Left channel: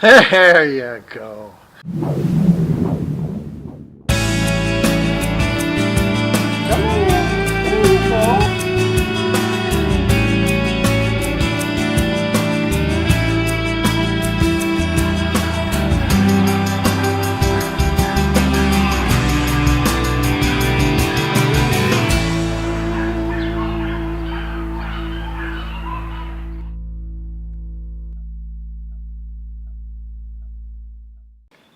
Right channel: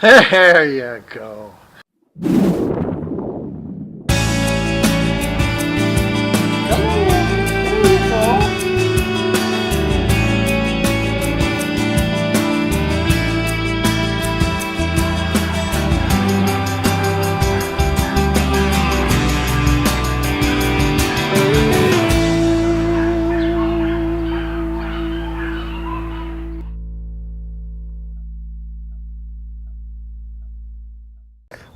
There you go.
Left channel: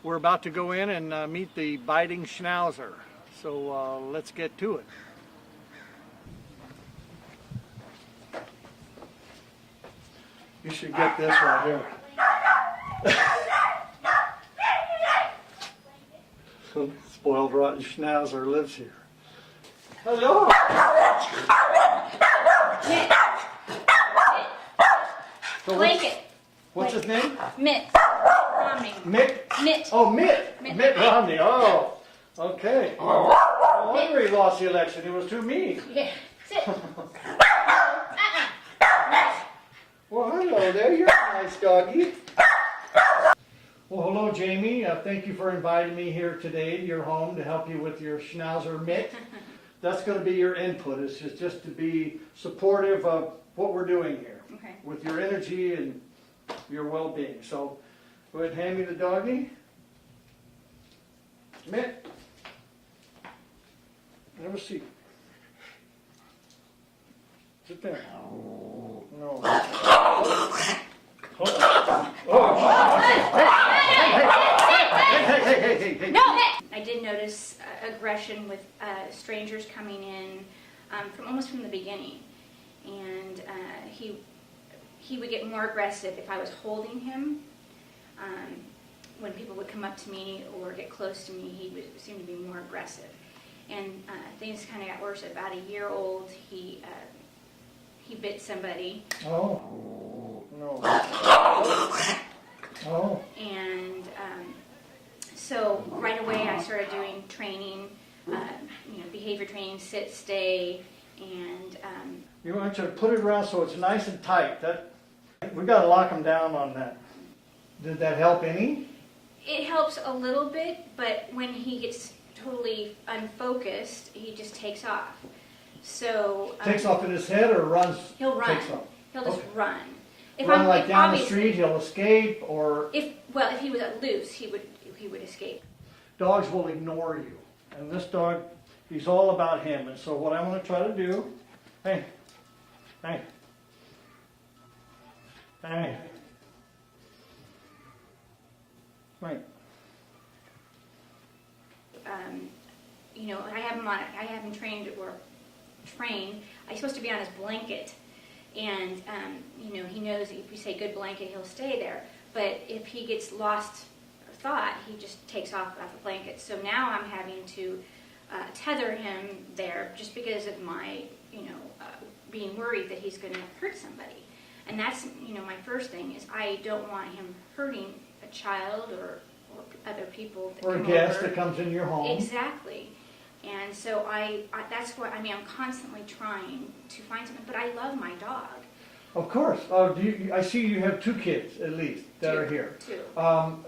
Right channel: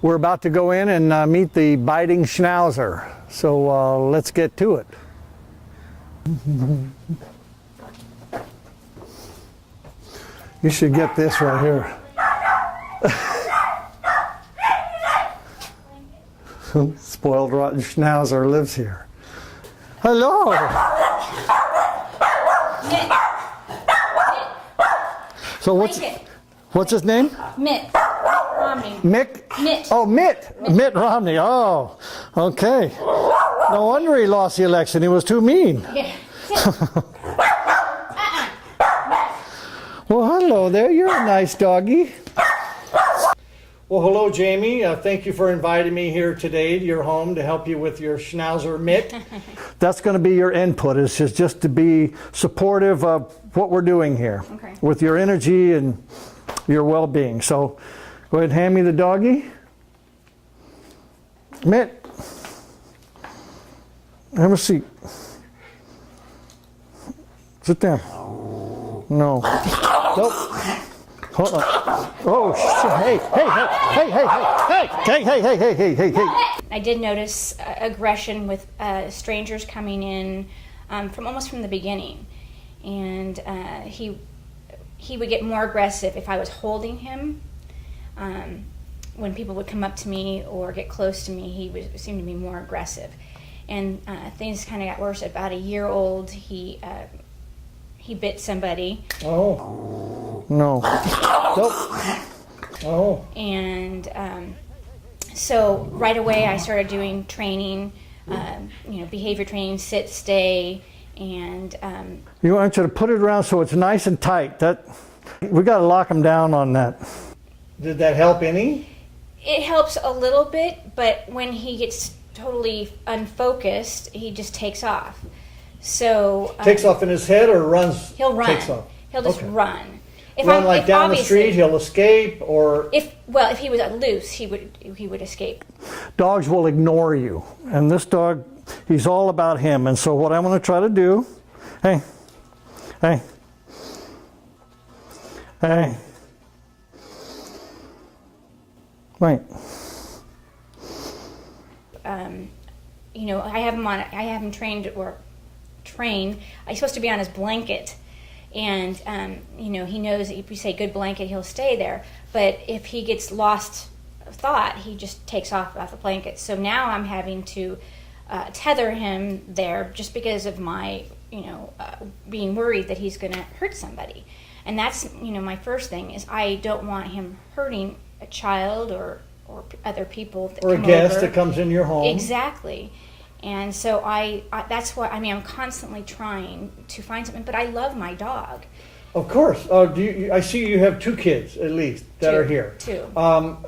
We're about to go in and meet the biting schnauzer, so let's get to it. You should get this right here. Spoiled rotten schnauzer lives here. Hello! Mitt. So what's his name? Mitt. Mick? Mitt. Oh, Mitt. Mitt Romney. Oh, okay. No wonder he lost the election. He was too mean. Yeah. Well, hello there. You're a nice doggy. Well, hello, Jamie. Thank you for inviting me here today to your home to help you with your schnauzer, Mitt. That's going to be your input. It's just to be supportive of what we're doing here. Okay. With your energy and your well-being. So go ahead and hand me the doggy. Mitt, have a seat. Sit down. No. Nope. Hold on. Oh, hey. I did notice aggression with strangers coming in from almost from the beginning, and he would get more aggressive if I was holding him. When people would come up to me or get close to me, he would seem to be more aggressive. And things kind of got worse. At about a year old, he bit somebody. Oh, no. Oh. And so right away I started doing training, behavior training, sit, stay, and... You want you to put it around so it's nice and tight. We got to lock him down on that. Did that help any? It helps a little bit, but when he gets totally unfocused, he just takes off. So takes off in his head or runs? He'll run. Takes off. He'll just run. Run like down the street, he'll escape, or if he was loose, he would escape. Dogs will ignore you, and this dog, he's all about him. And so what I'm going to try to do, hey, right. I have him trained. He's supposed to be on his blanket, and he knows that if you say good blanket, he'll stay there. But if he gets lost thought, he just takes off the blanket. So now I'm having to tether him there just because of my being worried that he's going to hurt somebody. And that's my first thing is I don't want him hurting a child or other people that or a guest that comes in your home. Exactly. And so that's why I'm constantly trying to find something, but I love my dog. Of course. I see you have 2 kids at least that are here. 2.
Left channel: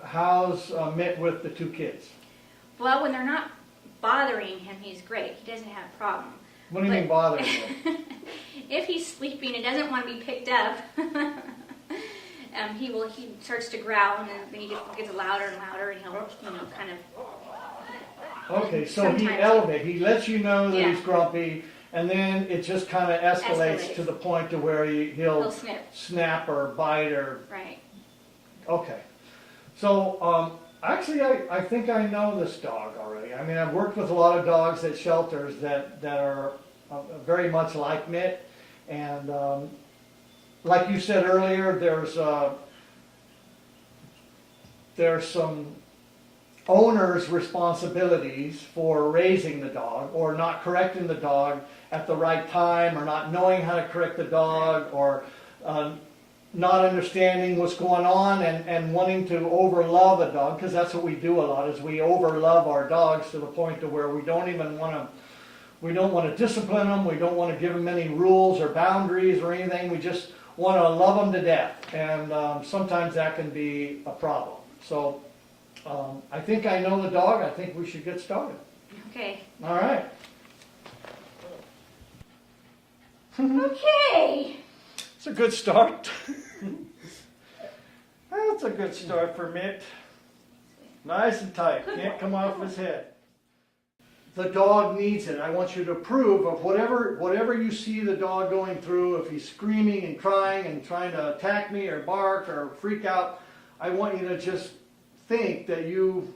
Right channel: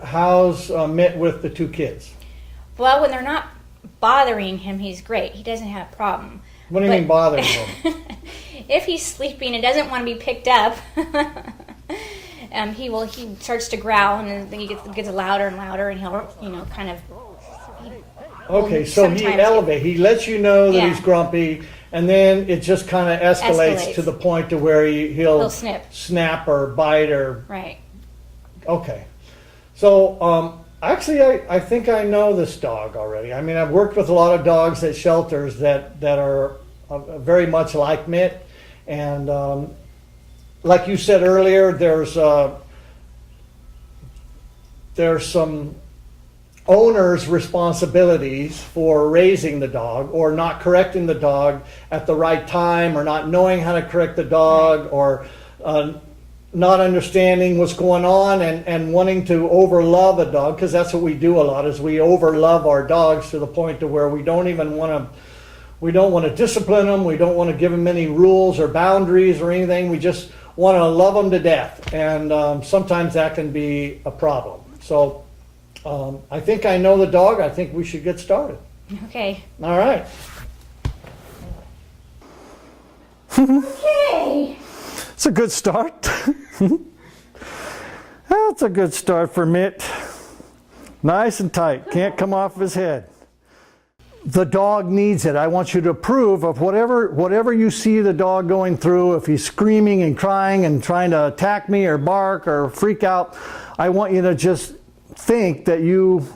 How's Mitt with the 2 kids? Well, when they're not bothering him, he's great. He doesn't have a problem. What do you mean bothering him? If he's sleeping and doesn't want to be picked up, he starts to growl, and he gets louder and louder, and he'll kind of. Okay, so he elevates. He lets you know that he's grumpy, and then it just kind of escalates to the point to where he'll snap or bite or. Right. Okay, so actually, I think I know this dog already. I mean, I've worked with a lot of dogs at shelters that are very much like Mitt, and like you said earlier, there's some owner's responsibilities for raising the dog or not correcting the dog at the right time or not knowing how to correct the dog or not understanding what's going on and wanting to overlove a dog, because that's what we do a lot is we overlove our dogs to the point to where we don't want to discipline them, we don't want to give them any rules or boundaries or anything, we just want to love them to death, and sometimes that can be a problem. So I think I know the dog. I think we should get started. Okay. All right. Okay. It's a good start. That's a good start for Mitt. Nice and tight. Can't come off his head. The dog needs it. I want you to approve of whatever you see the dog going through. If he's screaming and crying and trying to attack me or bark or freak out, I want you to just think that you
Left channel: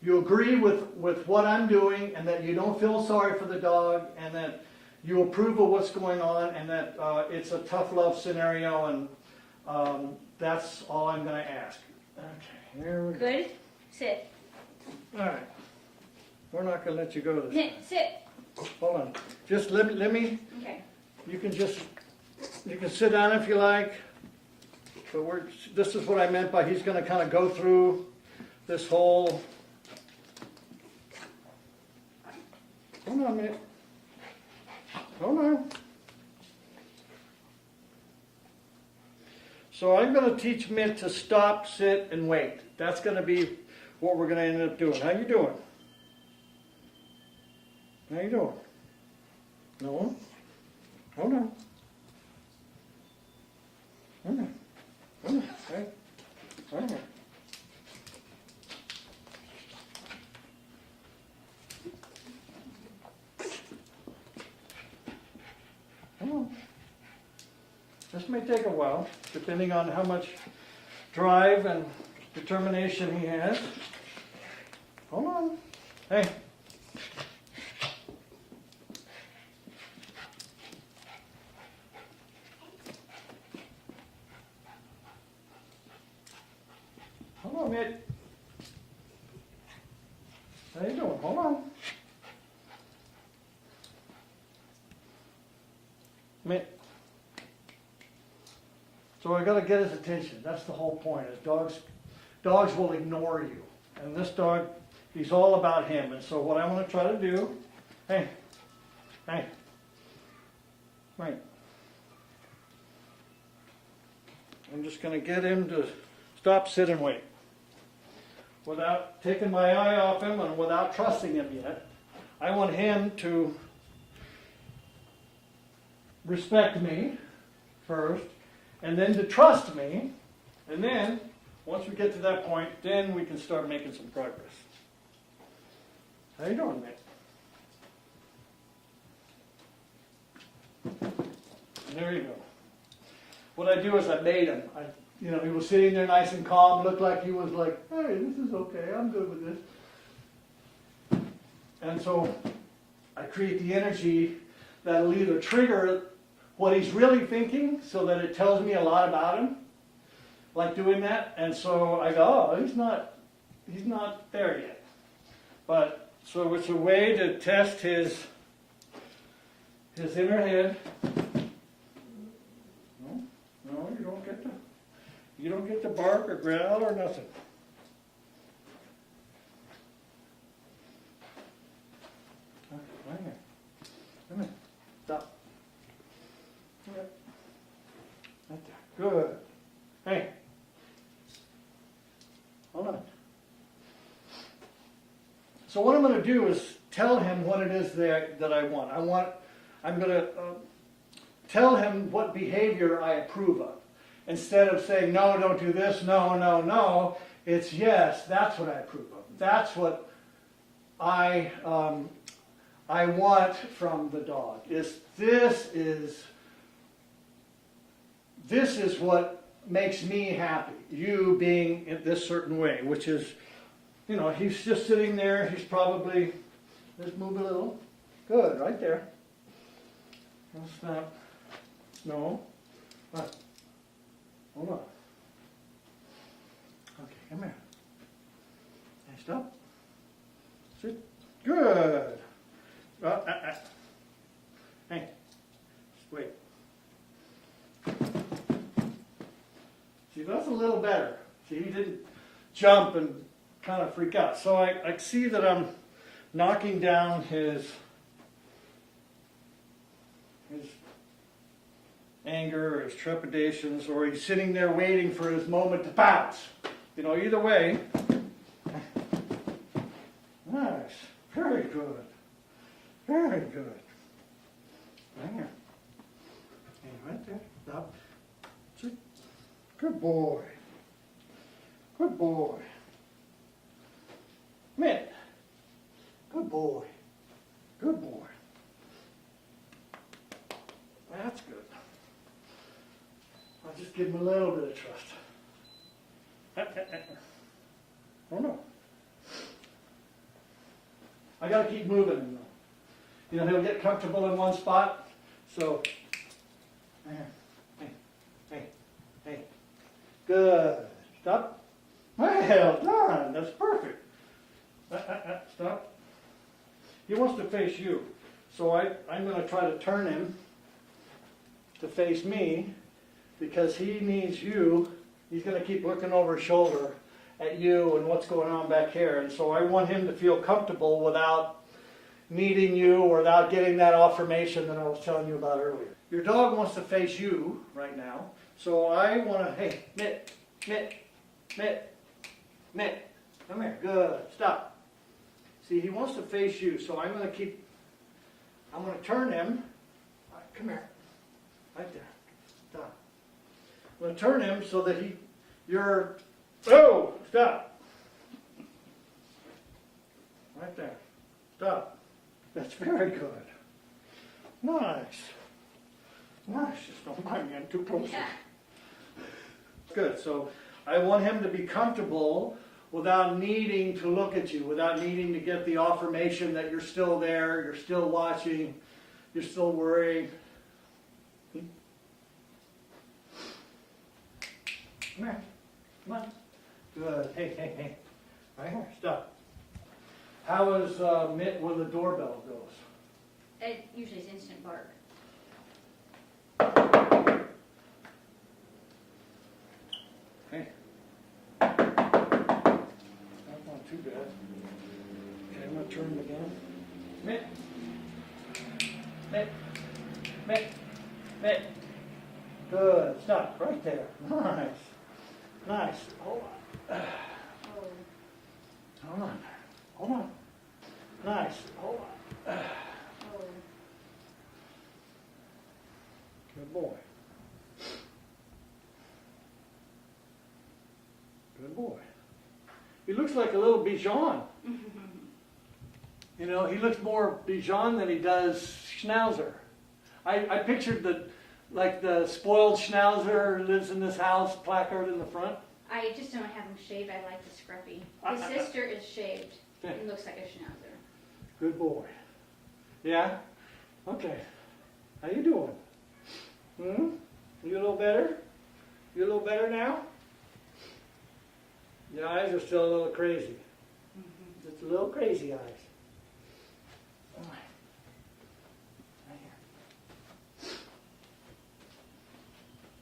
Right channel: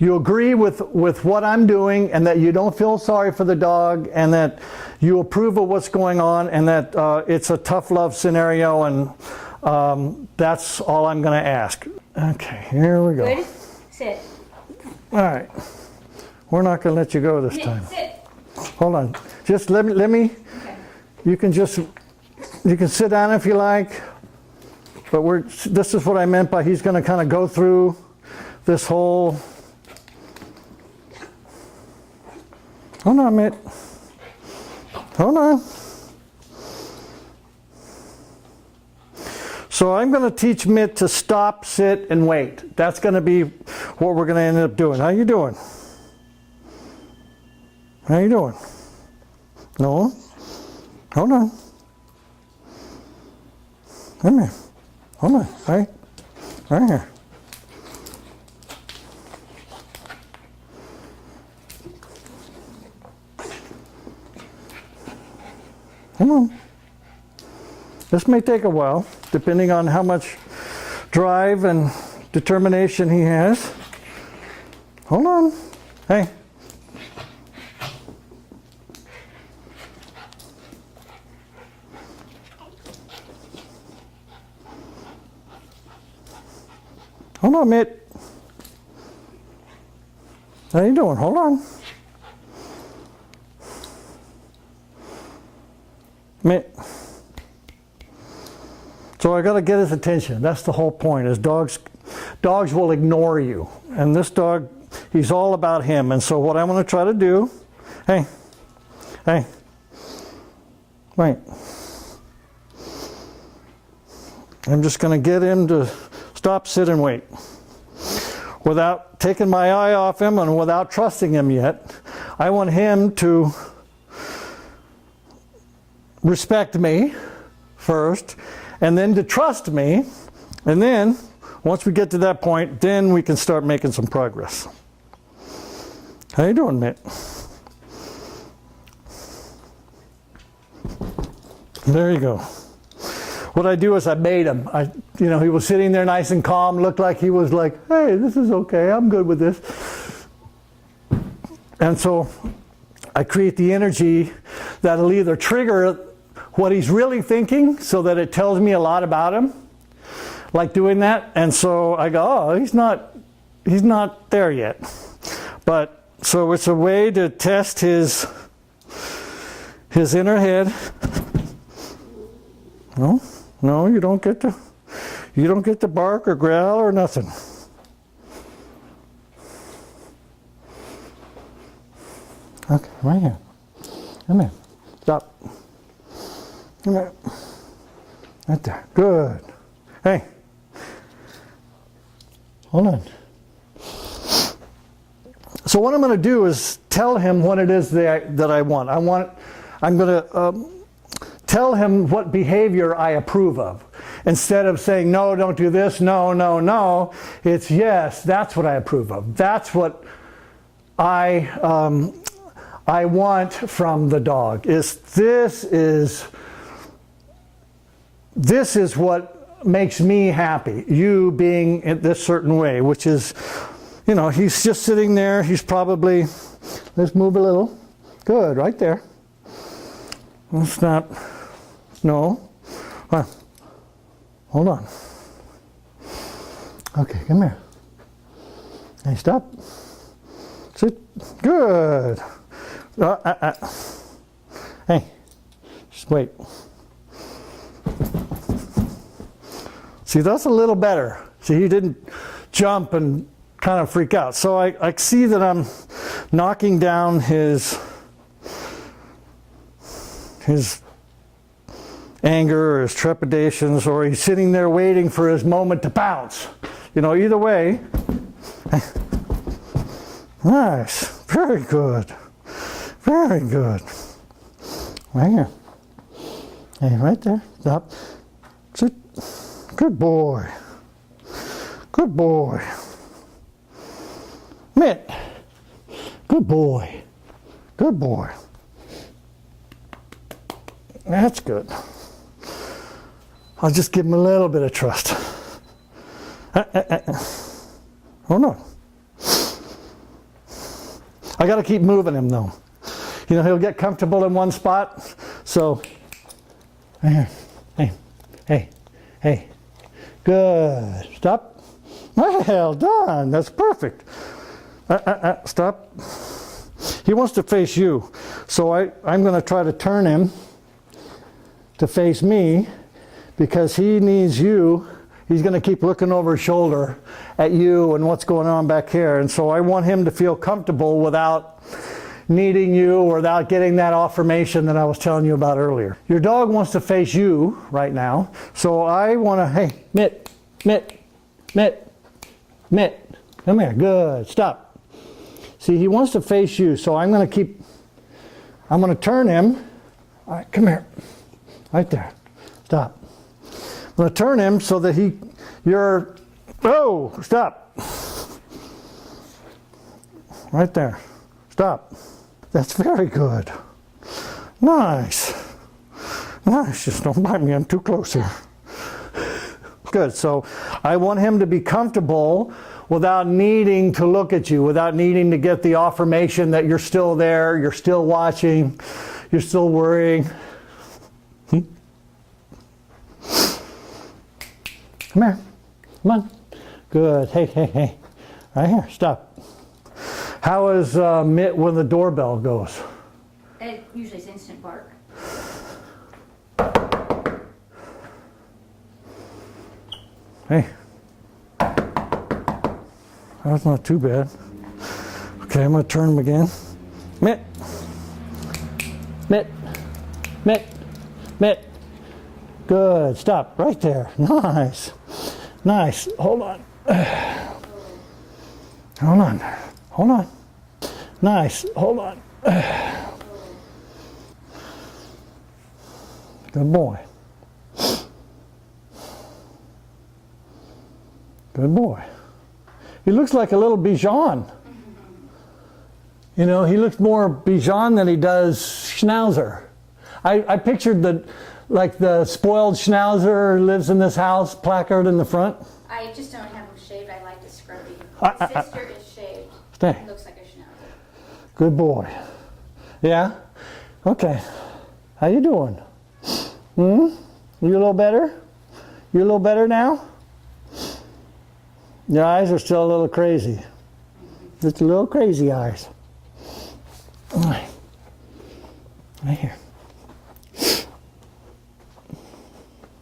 agree with what I'm doing, and that you don't feel sorry for the dog, and that you approve of what's going on, and that it's a tough love scenario, and that's all I'm going to ask. Okay, here we go. Good. Sit. All right. We're not going to let you go this time. Sit. Hold on. Just let me. Okay. You can sit down if you like. But this is what I meant by he's going to kind of go through this whole. Hold on, Mitt. Hold on. So I'm going to teach Mitt to stop, sit, and wait. That's going to be what we're going to end up doing. How you doing? How you doing? No? Hold on. Come here. Hold on. Right here. Come on. This may take a while, depending on how much drive and determination he has. Hold on. Hey. Hold on, Mitt. How you doing? Hold on. Mitt. So I got to get his attention. That's the whole point. Is dogs will ignore you, and this dog, he's all about him. And so what I'm going to try to do, hey, wait. I'm just going to get him to stop, sit, and wait, without taking my eye off him and without trusting him yet. I want him to respect me first, and then to trust me, and then once we get to that point, then we can start making some progress. How you doing, Mitt? There you go. What I do is I bait him. He was sitting there nice and calm, looked like he was like, hey, this is okay, I'm good with this. And so I create the energy that'll either trigger what he's really thinking, so that it tells me a lot about him, like doing that. And so I go, oh, he's not there yet. But so it's a way to test his inner head. No, you don't get to bark or growl or nothing. Okay, right here. Come here. Stop. Come here. Right there. Good. Hey. Hold on. So what I'm going to do is tell him what it is that I want. I'm going to tell him what behavior I approve of. Instead of saying, no, don't do this, no, it's yes, that's what I approve of. That's what I want from the dog. This is what makes me happy. You being in this certain way, which is, he's just sitting there. He's probably, let's move a little. Good, right there. Let's not, no. Hold on. Okay, come here. Hey, stop. Sit. Good. Hey, just wait. See, that's a little better. See, he didn't jump and kind of freak out. So I see that I'm knocking down his anger or his trepidations, or he's sitting there waiting for his moment to pounce. You know, either way. Nice. Very good. Very good. Right here. Hey, right there. Stop. Sit. Good boy. Good boy. Mitt. Good boy. Good boy. That's good. I'll just give him a little bit of trust. Hold on. I got to keep moving him though. You know, he'll get comfortable in one spot. So, hey, hey, hey. Good. Stop. Well done. That's perfect. Stop. He wants to face you. So I'm going to try to turn him to face me because he needs you. He's going to keep looking over his shoulder at you and what's going on back here. And so I want him to feel comfortable without needing you or without getting that affirmation that I was telling you about earlier. Your dog wants to face you right now. So I want to, hey, Mitt, Mitt, Mitt, Mitt, come here. Good. Stop. See, he wants to face you. So I'm going to turn him. All right, come here. Right there. Stop. I'm going to turn him so that oh, stop. Right there. Stop. That's very good. Nice. Nice. Just don't bite me. I'm too close here. Good. So I want him to be comfortable without needing to look at you, without needing to get the affirmation that you're still there, you're still watching, you're still worrying. Come here. Come on. Good. Hey, hey, hey. Right here. Stop. How is Mitt when the doorbell goes? It usually is instant bark. Hey. That's not too bad. Okay, I'm going to turn him again. Mitt. Mitt. Mitt. Mitt. Good. Stop. Right there. Nice. Nice. Hold on. Hold on. Hold on. Nice. Hold on. Good boy. Good boy. He looks like a little Bichon. You know, he looks more Bichon than he does Schnauzer. I pictured the spoiled Schnauzer lives in this house placard in the front. I just don't have him shaved. I like the scrubbing. His sister is shaved. Stay. It looks like a schnauzer. Good boy. Yeah? Okay. How you doing? You a little better? You a little better now? Your eyes are still a little crazy. Just a little crazy eyes. All right. Right here.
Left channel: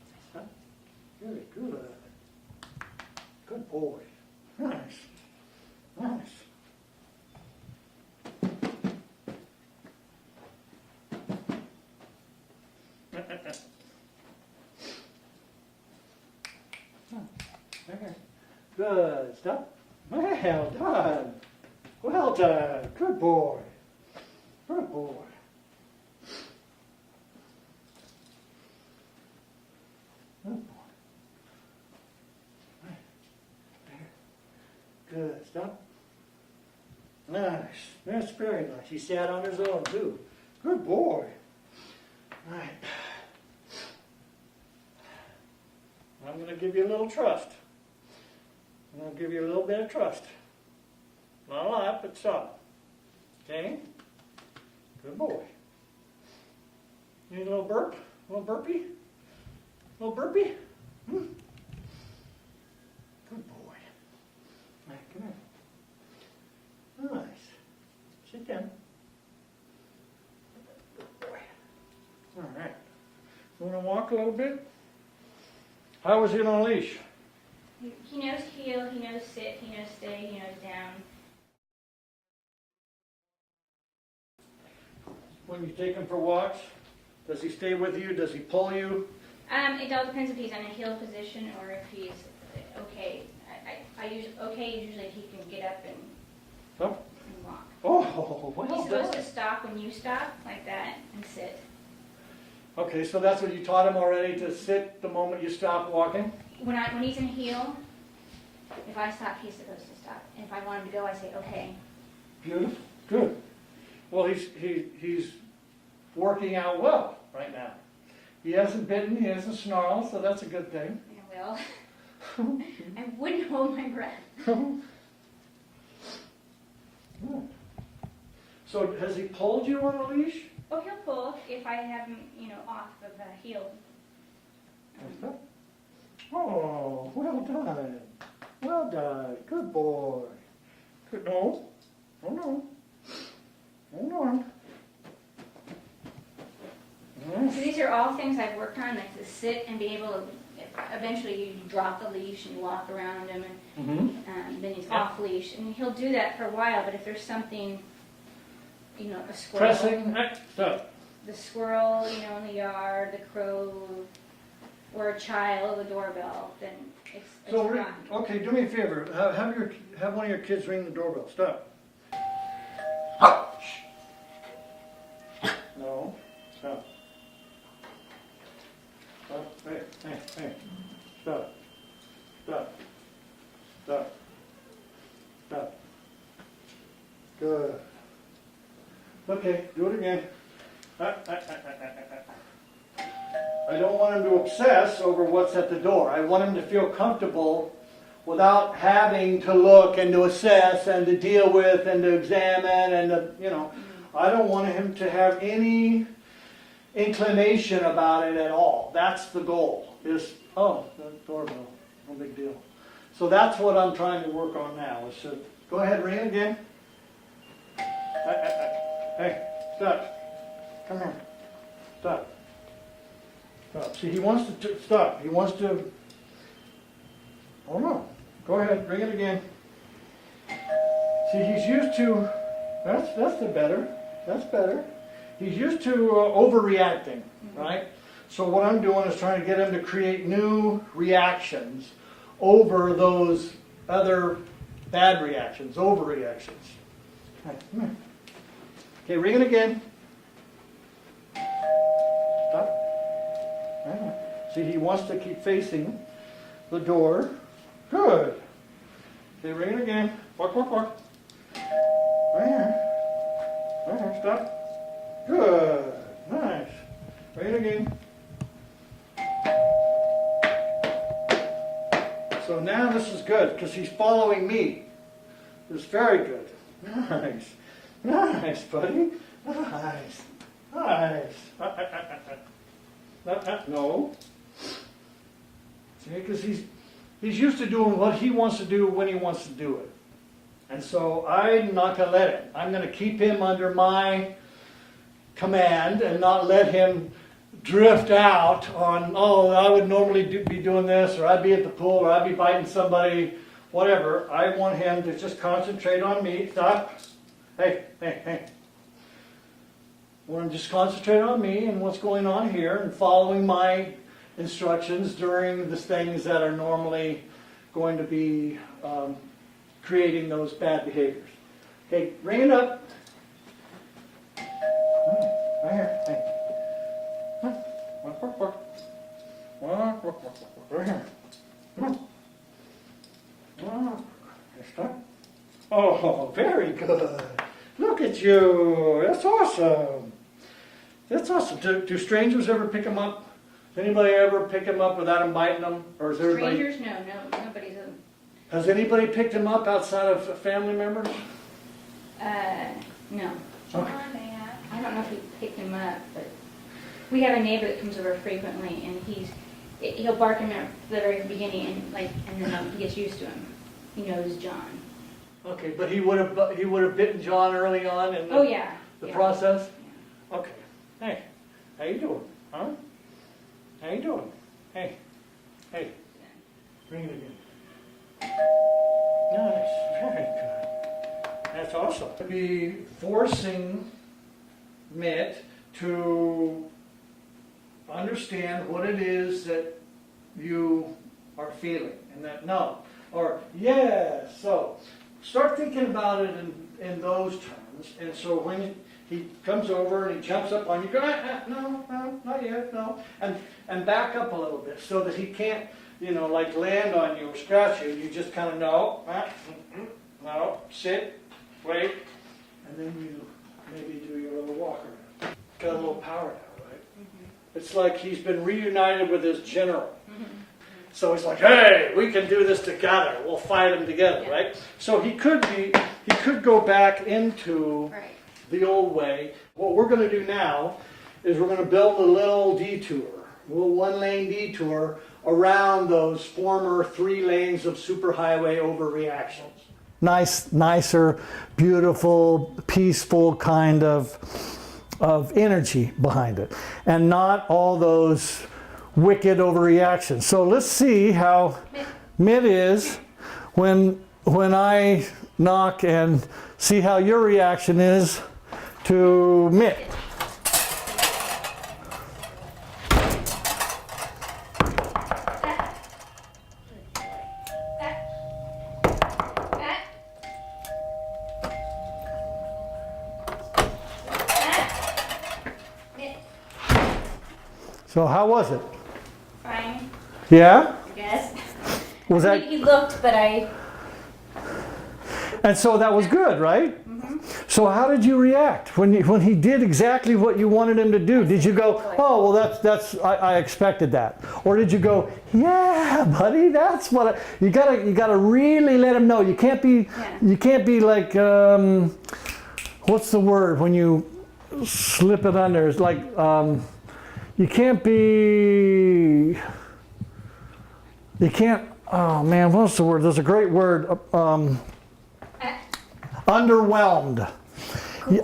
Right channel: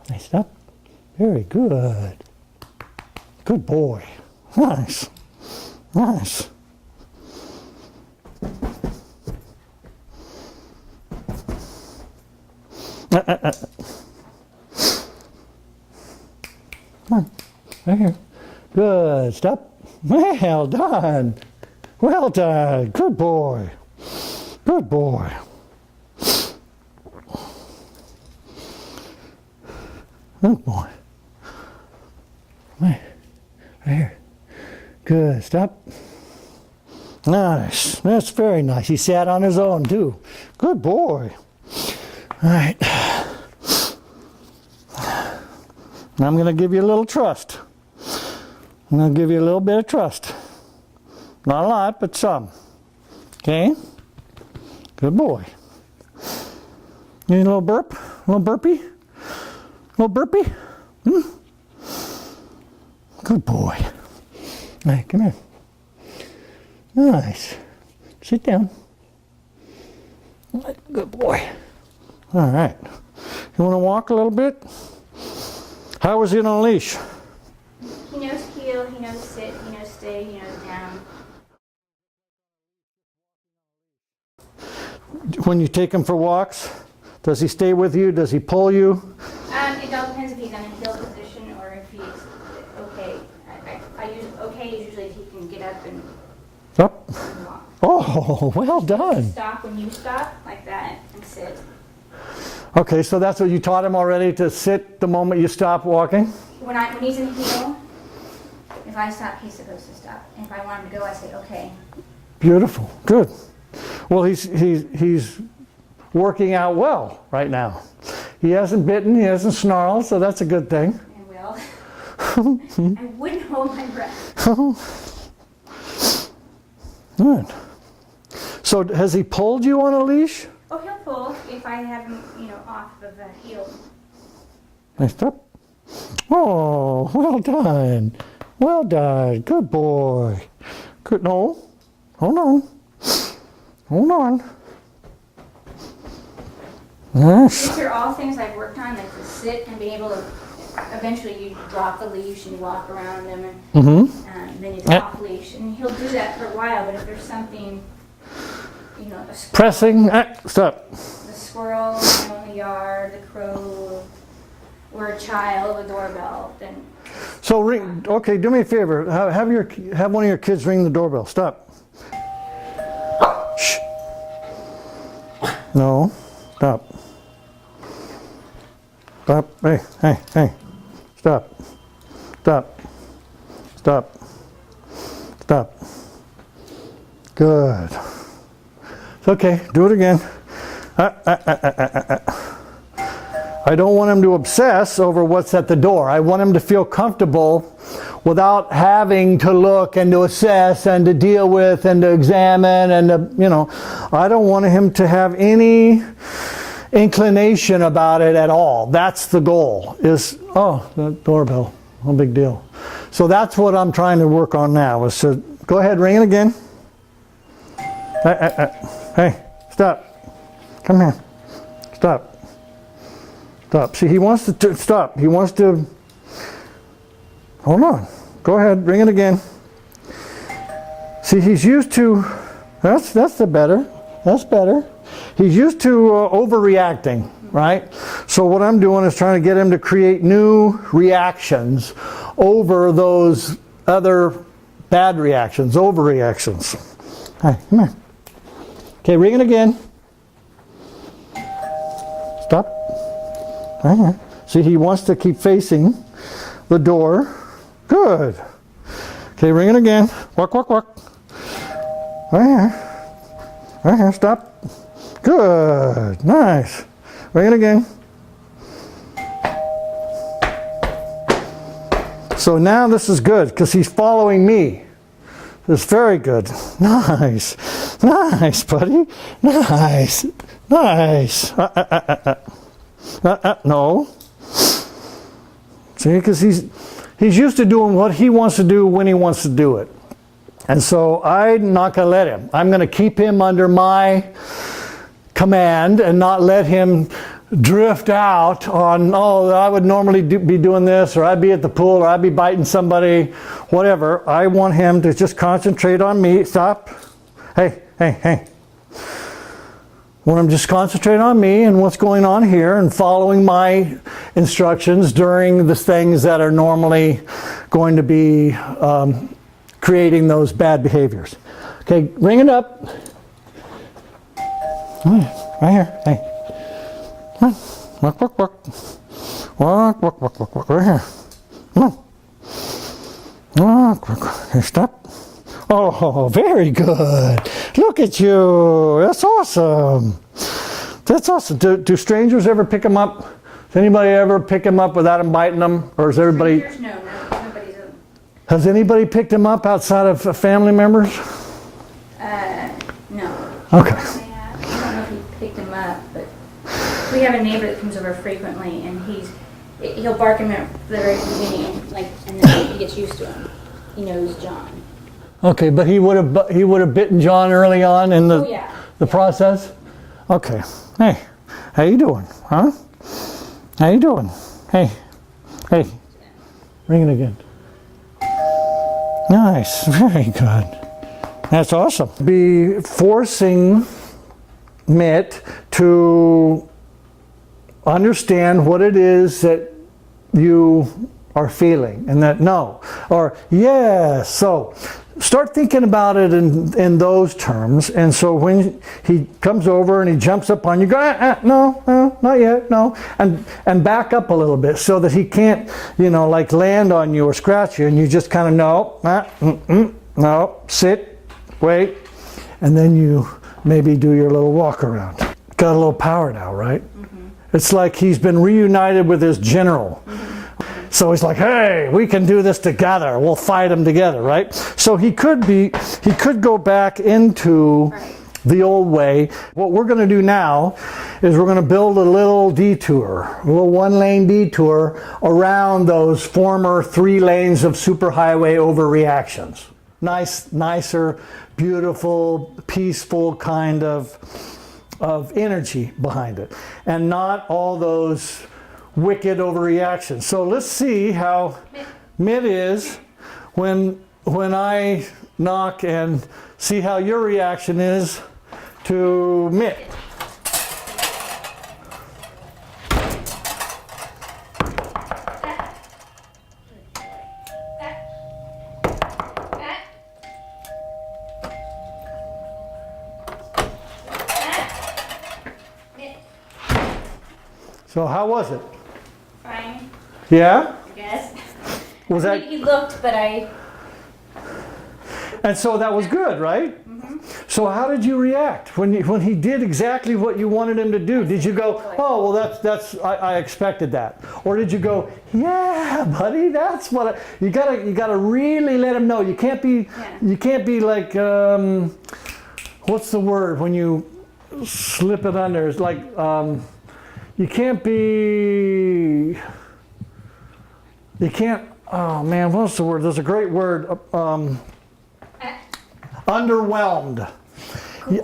Nice up. Very good. Good boy. Nice. Nice. Come on. Right here. Good. Stop. Well done. Well done. Good boy. Good boy. Good boy. Right here. Good. Stop. Nice. That's very nice. He sat on his own too. Good boy. All right. Now I'm going to give you a little trust. I'm going to give you a little bit of trust. Not a lot, but some. Okay? Good boy. You need a little burp? A little burpee? A little burpee? Good boy. All right, come here. Nice. Sit down. Good boy. All right. You want to walk a little bit? How was he on a leash? He knows heel, he knows sit, he knows stay, he knows down. When you take him for walks, Does he stay with you? Does he pull you? It all depends if he's in a heel position or if he's okay. I use okay is usually if he can get up and Up. walk. Oh, well done. Stop when you stop, like that, and sit. Okay, so that's what you taught him already, to sit the moment you stop walking? When he's in heel, if I stop, he's supposed to stop. And if I want him to go, I say okay. Beautiful. Good. Well, he's working out well right now. He hasn't bitten, he hasn't snarled, so that's a good thing. I will. I wouldn't hold my breath. Good. So has he pulled you on a leash? Oh, he'll pull if I have him, off of the heel. Nice up. Oh, well done. Well done. Good boy. Good. No. Hold on. Hold on. Yes. These are all things I've worked on, like to sit and be able to. Eventually, you drop the leash and you walk around him, and then he's off leash, and he'll do that for a while. But if there's something, a squirrel, Pressing. Stop. the squirrel in the yard, the crow, or a child, a doorbell, then. So, okay, do me a favor. Have one of your kids ring the doorbell. Stop. Shh. No. Stop. Stop. Hey, hey, hey. Stop. Stop. Stop. Stop. Good. Okay, do it again. I don't want him to obsess over what's at the door. I want him to feel comfortable without having to look and to assess and to deal with and to examine and to, I don't want him to have any inclination about it at all. That's the goal, is, oh, the doorbell, no big deal. So that's what I'm trying to work on now, is to, go ahead, ring it again. Hey, stop. Come here. Stop. Stop. See, he wants to stop. He wants to, hold on. Go ahead, ring it again. See, he's used to, that's the better. That's better. He's used to overreacting, right? So what I'm doing is trying to get him to create new reactions over those other bad reactions, overreactions. Hi, come here. Okay, ring it again. Stop. Right here. See, he wants to keep facing the door. Good. Okay, ring it again. Walk, walk, walk. Right here. Right here, stop. Good, nice. Ring it again. So now this is good because he's following me. It's very good. Nice. Nice, buddy. Nice. Nice. No. See, because he's used to doing what he wants to do when he wants to do it. And so I'm not going to let him. I'm going to keep him under my command and not let him drift out on, oh, I would normally be doing this, or I'd be at the pool, or I'd be biting somebody, whatever. I want him to just concentrate on me. Stop. Hey, hey, hey. I want him to just concentrate on me and what's going on here and following my instructions during the things that are normally going to be creating those bad behaviors. Okay, ring it up. Right here. Hey. Walk, walk, walk. Walk, walk, walk, walk, walk. Right here. Come on. Walk, walk, walk. Here, stop. Oh, very good. Look at you. That's awesome. That's awesome. Do strangers ever pick him up? Does anybody ever pick him up without him biting them? Or is everybody... Strangers? No, nobody's... Has anybody picked him up outside of family members? No. Okay. I don't know if he picked him up, but we have a neighbor that comes over frequently, and he'll bark him at the very beginning, and then he gets used to him. He knows John. Okay, but he would have bitten John early on in the process? Okay. Hey, how you doing? Huh? How you doing? Hey. Hey. Ring it again. Nice. Very good. That's awesome. Be forcing Mitt to understand what it is that you are feeling, and that no, or yes. So start thinking about it in those terms. And so when he comes over and he jumps up on you, go, no, not yet, no. And back up a little bit so that he can't, like land on you or scratch you, and you just kind of, no, sit, wait. And then you maybe do your little walk around. Got a little power now, right? Mm-hmm. It's like he's been reunited with his general. Mm-hmm. So he's like, hey, we can do this together. We'll fight him together, right? So he could go back into the old way. What we're going to do now is we're going to build a little detour, a little 1-lane detour around those former 3 lanes of superhighway overreactions. Nicer, beautiful, peaceful kind of energy behind it. And not all those wicked overreactions. So let's see how Mitt is when I knock, and see how your reaction is to Mitt. So how was it? Fine. Yeah? I guess. Was that? He looked, but And so that was good, right? Mm-hmm. So how did you react when he did exactly what you wanted him to do? Did you go, oh, well, that's I expected that, or did you go, yeah, buddy, that's what you gotta really let him know. You can't be like what's the word when you slip it under? It's like you can't. Oh man, what's the word? There's a great word. Underwhelmed.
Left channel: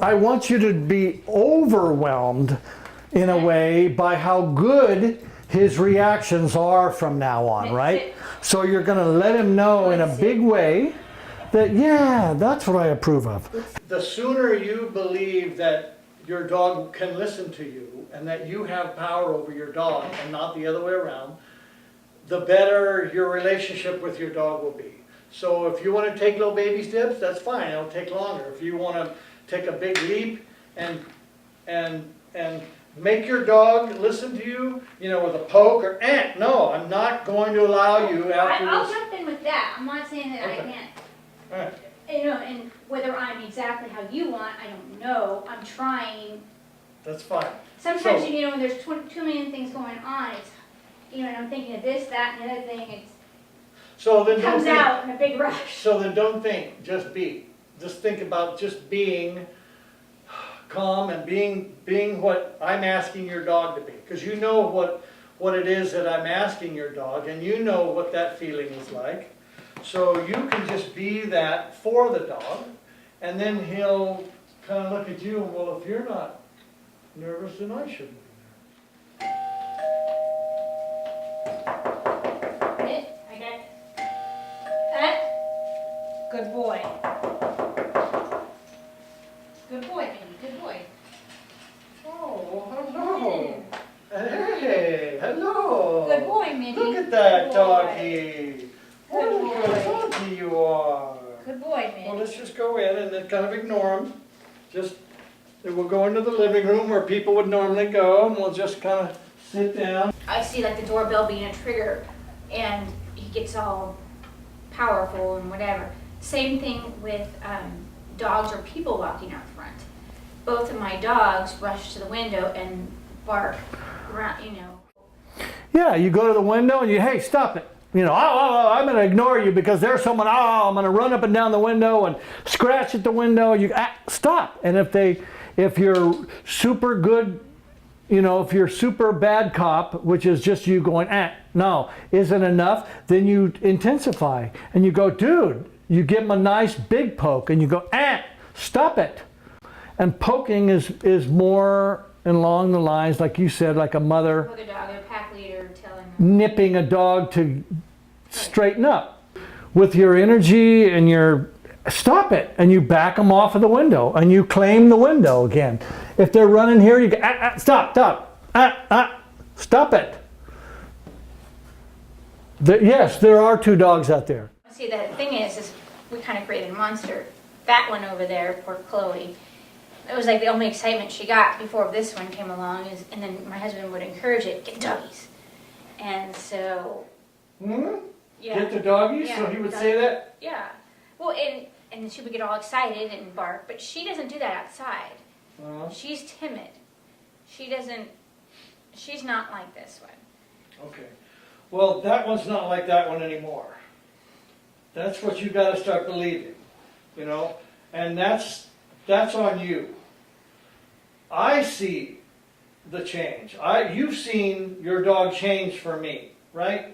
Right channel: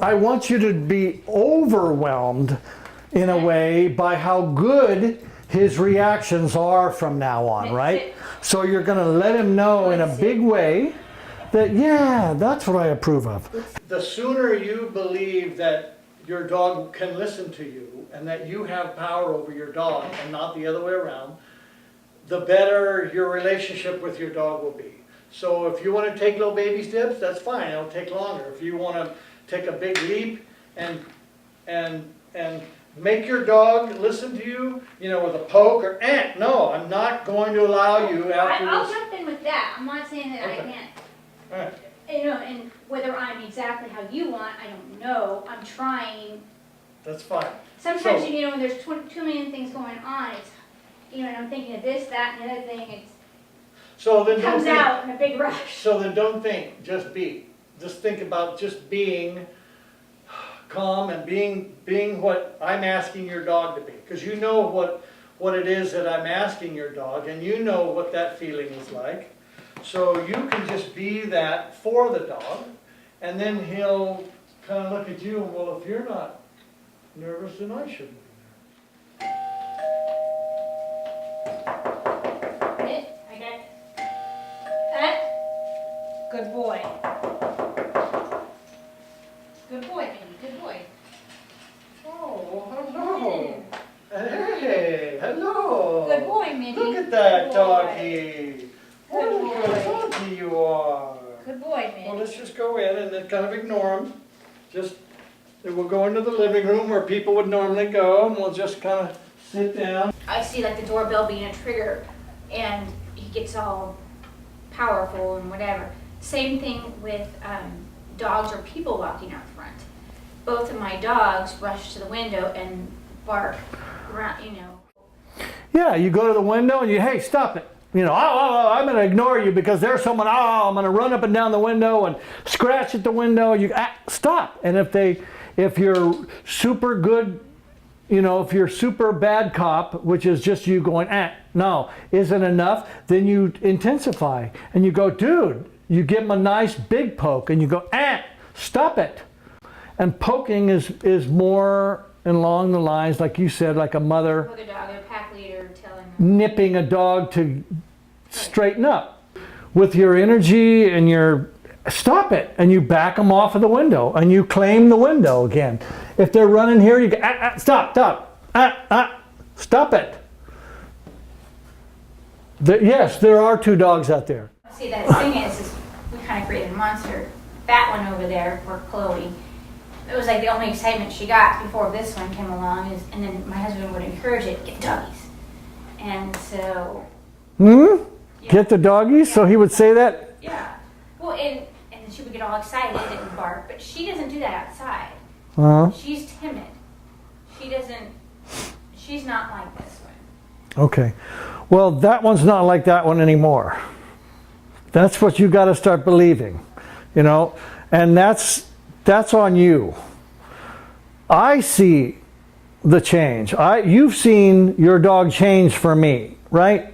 I want you to be overwhelmed in a way by how good his reactions are from now on, right? So you're going to let him know in a big way that, yeah, that's what I approve of. The sooner you believe that your dog can listen to you and that you have power over your dog and not the other way around, the better your relationship with your dog will be. So if you want to take little baby steps, that's fine. It'll take longer. If you want to take a big leap and make your dog listen to you, with a poke or no, I'm not going to allow you after I'll this. jump in with that. I'm not saying that Okay. I can't. All right. And whether I'm exactly how you want, I don't know. I'm trying. That's fine. Sometimes, So- when there's too many things going on, it's, and I'm thinking of this, that, and the other thing. So then It don't comes think. out in a big rush. So then don't think. Just be. Just think about just being calm and being what I'm asking your dog to be, because you know what it is that I'm asking your dog, and you know what that feeling is like. So you can just be that for the dog, and then he'll kind of look at you and, well, if you're not nervous, then I shouldn't be Mitt, I got that. Good boy. Good boy, baby. Good boy. Oh, hello. Hey, hello. Good boy, Minnie. Look at that Good boy. doggy. What a Good good boy. doggy you are. Good boy, Well, Mitt. let's just go in and then kind of ignore him. We'll go into the living room where people would normally go, and we'll just kind of sit down. I see the doorbell being a trigger, and he gets all powerful and whatever. Same thing with dogs or people walking out front. Both of my dogs rush to the window and bark around, Yeah, you go to the window and hey, stop it. I'm going to ignore you because there's someone, I'm going to run up and down the window and scratch at the window. Stop. And if you're super good, if you're super bad cop, which is just you going, no, isn't enough, then you intensify and you go, dude, you give them a nice big poke and you go, stop it. And poking is more along the lines, like you said, like a mother poke a dog, a pack leader telling them. nipping a dog to straighten up. With your energy and your stop it, and you back them off of the window and you claim the window again. If they're running here, you go, stop, Stop it. Yes, there are 2 dogs out there. See, the thing is we kind of created a monster. That one over there, for Chloe, it was like the only excitement she got before this one came along. And then my husband would encourage it, get doggies. And so... Yeah, Get the doggies? yeah, So he would say that? Yeah. Well, and then she would get all excited and bark, but she doesn't do that outside. Uh-huh. She's timid. She's not like this one. Okay. Well, that one's not like that one anymore. That's what you got to start believing, you know, and that's on you. I see the change. You've seen your dog change for me, right?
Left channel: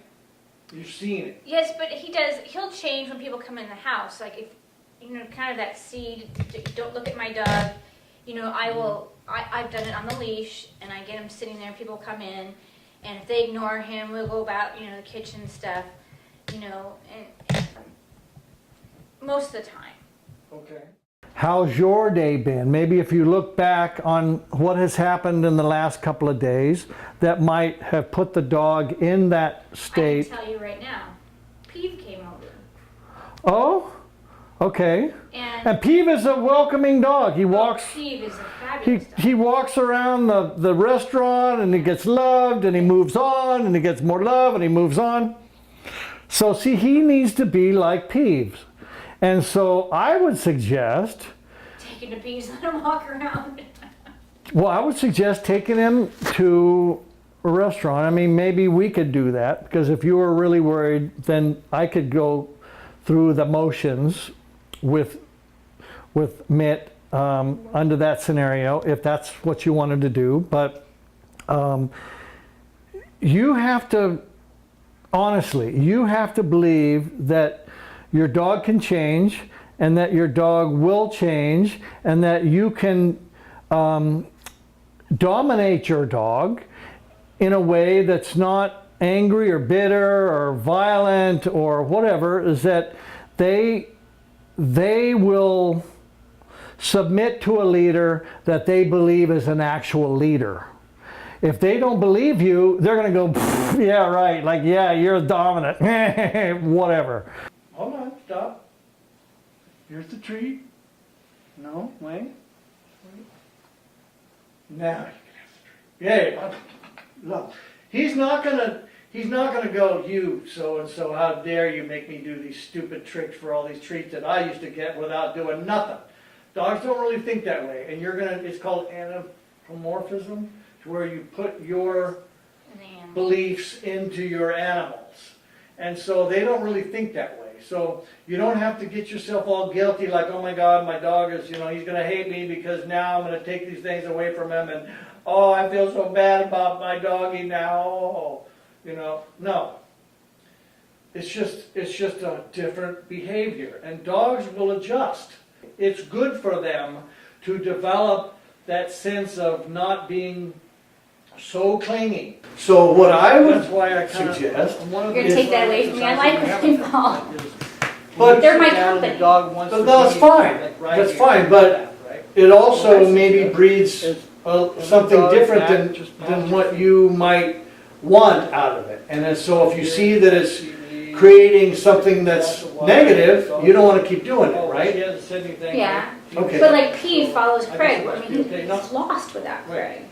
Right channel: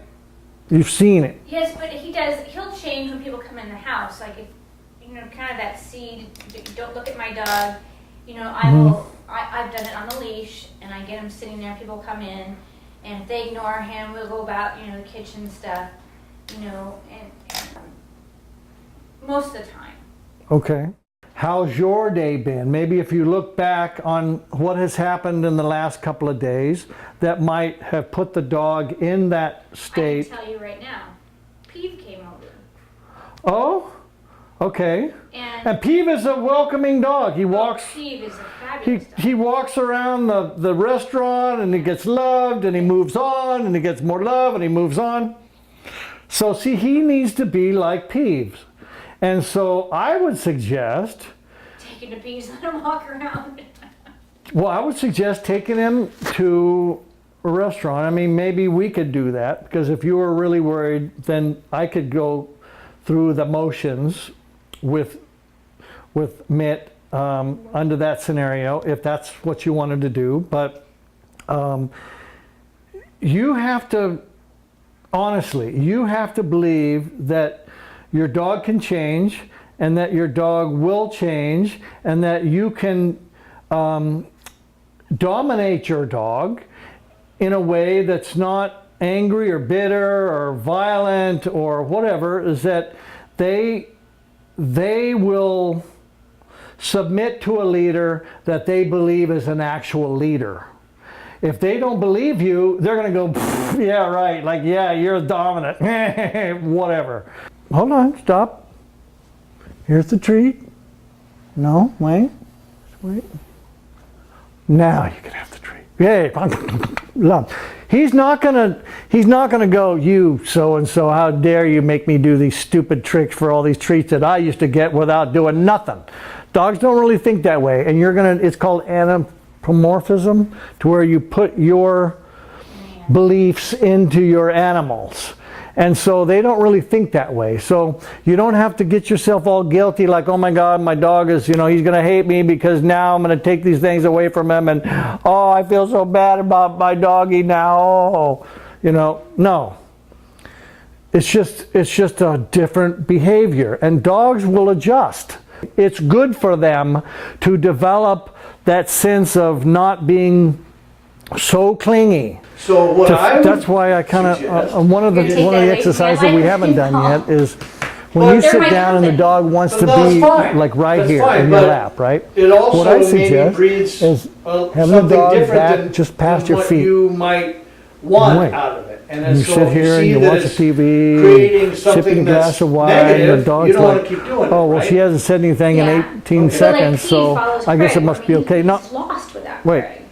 You've seen it. Yes, but he'll change when people come in the house. Like, if, you know, kind of that seed, don't look at my dog. You know, I've done it on the leash, and I get him sitting there, people come in, and if they ignore him, we'll go about, you know, the kitchen stuff, you know, and most of the time. Okay. How's your day been? Maybe if you look back on what has happened in the last couple of days that might have put the dog in that state. I can tell you right now, Peeve came over. Oh, okay. And And Peeve is a welcoming dog. He walks. Peeve is a fabulous dog. He walks around the restaurant and he gets loved and he moves on and he gets more love and he moves on. So see, he needs to be like Peeves. And so I would suggest, Take him to Peeves, let him walk around. well, I would suggest taking him to a restaurant. I mean, maybe we could do that, because if you were really worried, then I could go through the motions with Mitt under that scenario, if that's what you wanted to do. But you have to, honestly, you have to believe that your dog can change, and that your dog will change, and that you can dominate your dog in a way that's not angry or bitter or violent or whatever, is that they will submit to a leader that they believe is an actual leader. If they don't believe you, they're going to go, yeah, right, like, yeah, you're dominant, whatever. Hold on, stop. Here's the treat. No, wait. Now you can have the treat. Yay. He's not gonna go, you so and so, how dare you make me do these stupid tricks for all these treats that I used to get without doing nothing. Dogs don't really think that way, and it's called anthropomorphism, to where you put your beliefs into your animals. And so they don't really think that way. So you don't have to get yourself all guilty, like, oh my God, my dog is, he's going to hate me because now I'm going to take these things away from him. And, oh, I feel so bad about my doggy now. Oh, no. It's just a different behavior. And dogs will adjust. It's good for them to develop that sense of not being so clingy. So what I would that's why I kind suggest- of one of the You're gonna take that away from me? I exercises like we this haven't done ball. yet is But when you they're sit my down and the company. dog wants But to that's be fine. like right That's here fine, in but your lap, right? It What also I maybe suggest breeds is having the something dog different back than, just past than your what feet. you might want Right. out of it. And You then so sit if you here see and that watch it's TV, creating sipping something a that's glass of wine, and the negative, dog's you don't want like, to keep doing it, oh, well, right? she hasn't said anything Yeah. in 18 Okay. But like seconds, Peeve so follows I Craig. guess it must be okay. No, He's lost without Wait. Craig.